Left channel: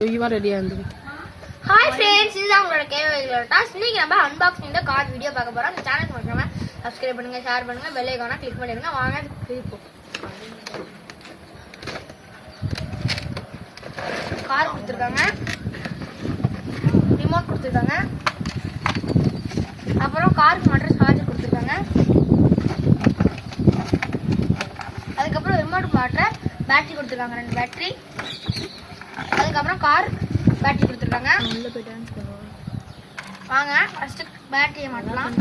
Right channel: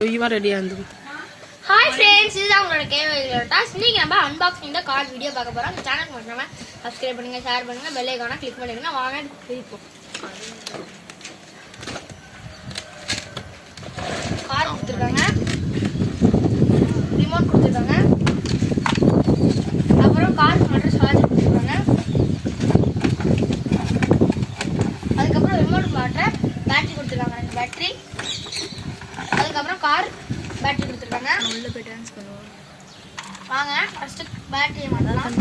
ரெடியா இருந்து hi friends, இதுதான் உங்களோட கேள்விகளோட டாஸ். இன்னைக்கு நம்ம அன்பாக்சிங் இந்த கார் வீடியோ பார்க்க போறோம். இந்த சேனலுக்கு மறக்காம சப்ஸ்கிரைப் பண்ணுங்க, ஷேர் பண்ணுங்க, பெல் ஐகானை கிளிக் பண்ணிடுங்க. வாங்க பிரிப்போம். கார் கொடுத்துருக்காங்க, ரிமோட் கொடுத்துருக்காங்க, அப்புறம் காருக்கு மட்டும் சார்ஜர் கொடுத்துருக்காங்க, அதுக்கப்புறம் ரிமோட் மாற்ற பேட்டரி கொடுத்துருக்காங்க, 2 பேட்டரி, அதுக்கப்புறம் கார் பேட்டரி கொடுத்துருக்காங்க. உள்ள போய் டான்ஸ் பண்ணுவோம். வாங்க ஃபர்ஸ்ட் பேட்டரியை மாட்டலாம்.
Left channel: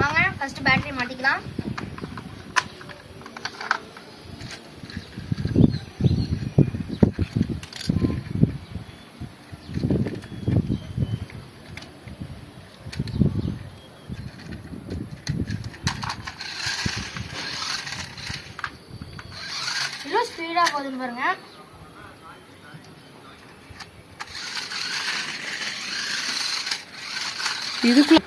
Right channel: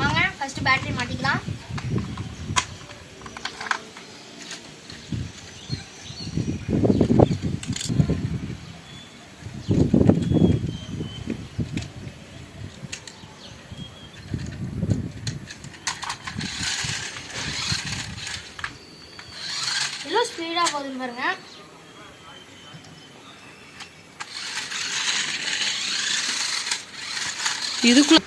வாங்க ஃபர்ஸ்ட் பேட்டரி மாட்டிக்கலாம். எவ்வளோ ஸ்பீடா போகுதுன்னு பாருங்க. இதுக்குள்ள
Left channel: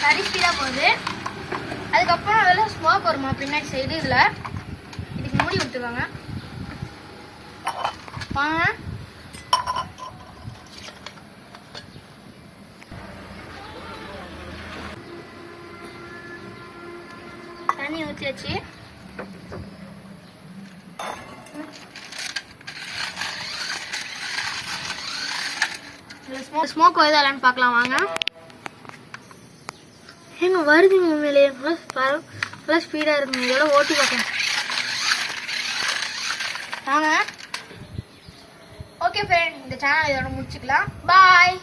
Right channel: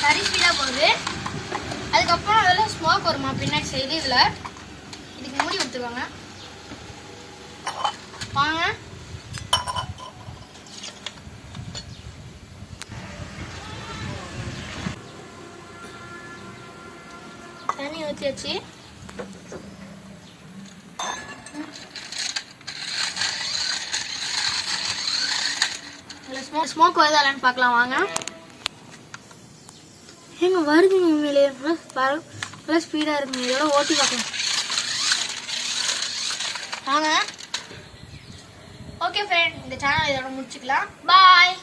சரி ஸ்பீடா போகுது. அதுக்கப்புறம் அதில் ஸ்மோக் வருமா பின்னாடி சைடு. இதில் இதுக்கு மூடி கொடுத்துருவாங்க. வாங்க தண்ணி ஊற்றியாச்சு. ஸ்மோக் வருதா இல்லைன்னு பார்க்கலாம். வாங்க எங்க வருதுங்க, உண்மையிலேயே நல்லா ஸ்பீடா இருக்குங்க. இதோட ஓட்டி பார்க்கலாம். வாங்க. ஓகே ஃப்ரெண்ட், இந்த சேனல் இதோட முடிச்சுக்கலாம். பாய்.